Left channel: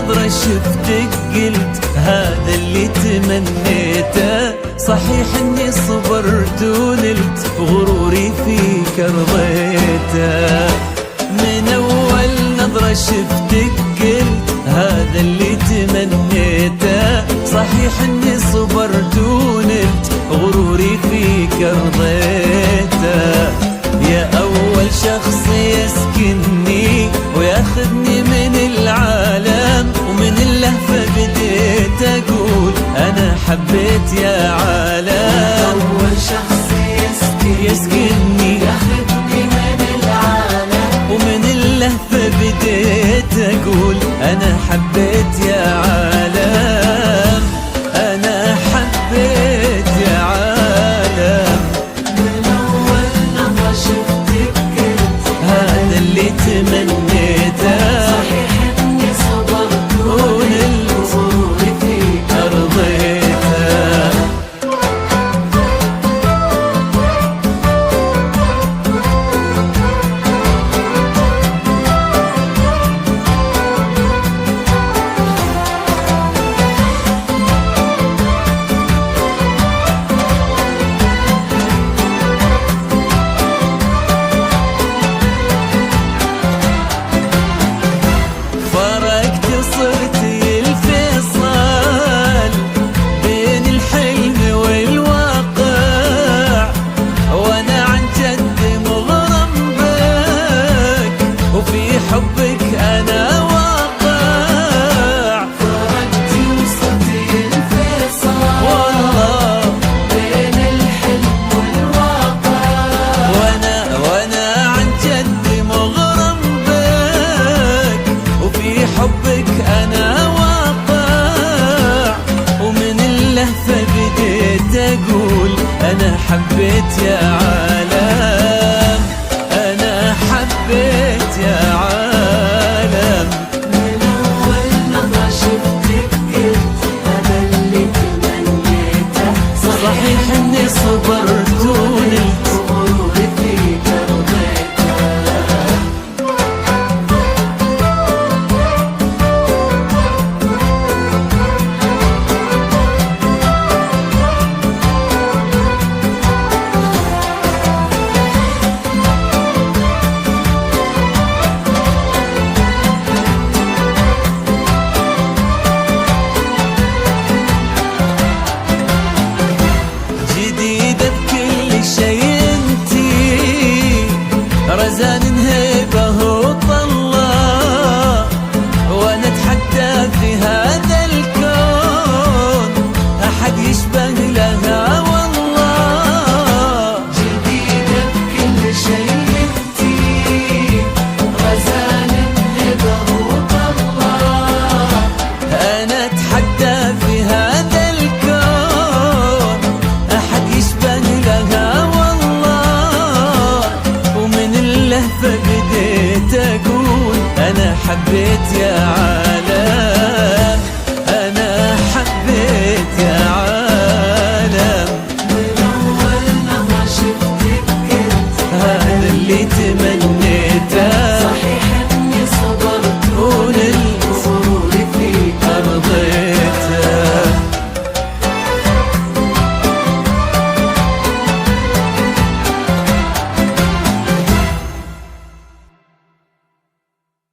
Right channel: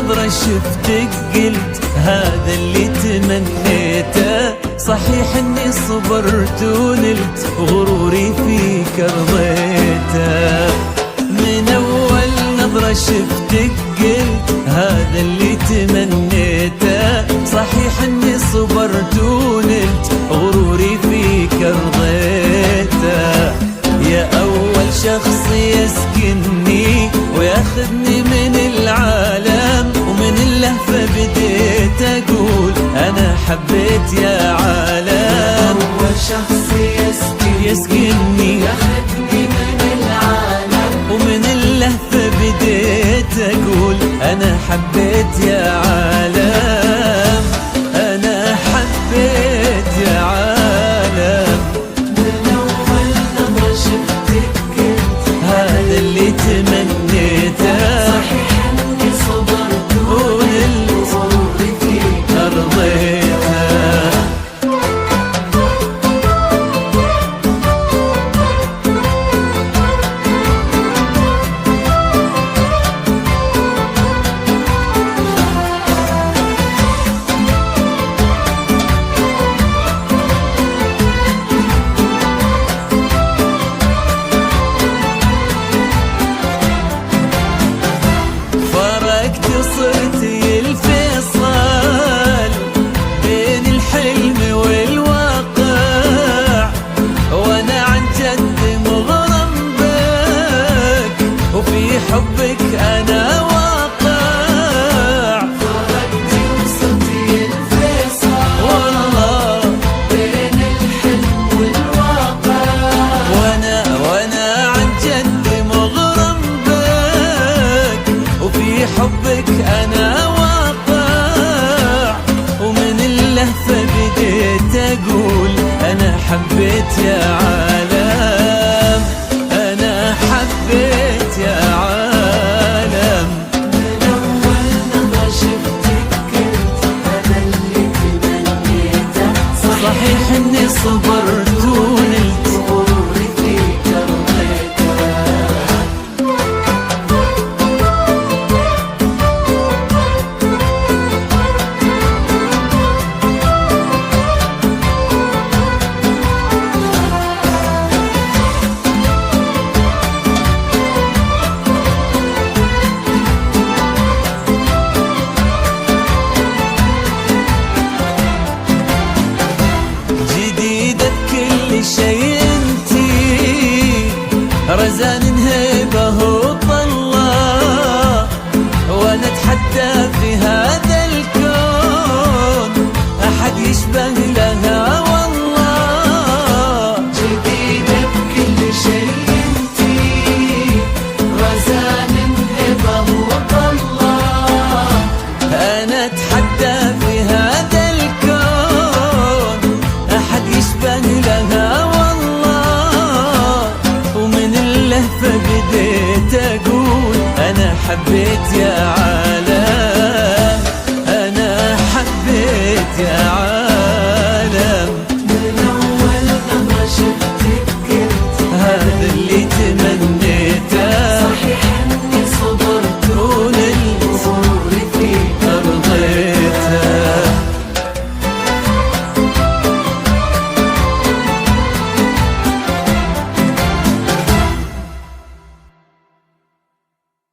نظرة شفتك قلت هذا اللي تمنيته. صحيح اني صبرت ونلت غروري فيك رضيته. من اول نظرة شفتك قلت هذا اللي تمنيته. صحيح اني صبرت ونلت غروري فيك رضيته. يا أول شخص يسكنني وياخذني من العالم، ومن اللهفة بديت أقول أنا حبيت يا عالم. أول شخص يسكنني ياخذني من العالم، ومن اللهفة بديت أقول أنا حبيت يا عالم. أنا حبيت يا عالم. هذا اللي تمنيته ونلت أرضيته. صرت الفيصل بين الحلم والواقع، وانا عن جد مغرم بك وفي حبك انا واقع. والله بين الحلم والواقع، وانا عن جد مغرم بك وفي حبك أنا واقع. ومن اللهفة بديت أقول أنا حبيت يا عالم. أنا حبيت يا عالم. من أول نظرة شفتك قلت هذا اللي تمنيته. صحيح إني صبرت ونلت غروري فيك جديدة بكل شي انتي، رزان هيبة وطلة، وانا اتحدى في هذا الكون احد يشبه لها والله. جديدة بكل شي انتي، رزان هبة وطلة، انا اتحدى في هذا الكون احد يشبه لها والله. ومن اللهفة بديت اقول انا حبيت يا عالم. انا حبيت يا عالم. من أول نظرة شفتك قلت هذا اللي تمنيته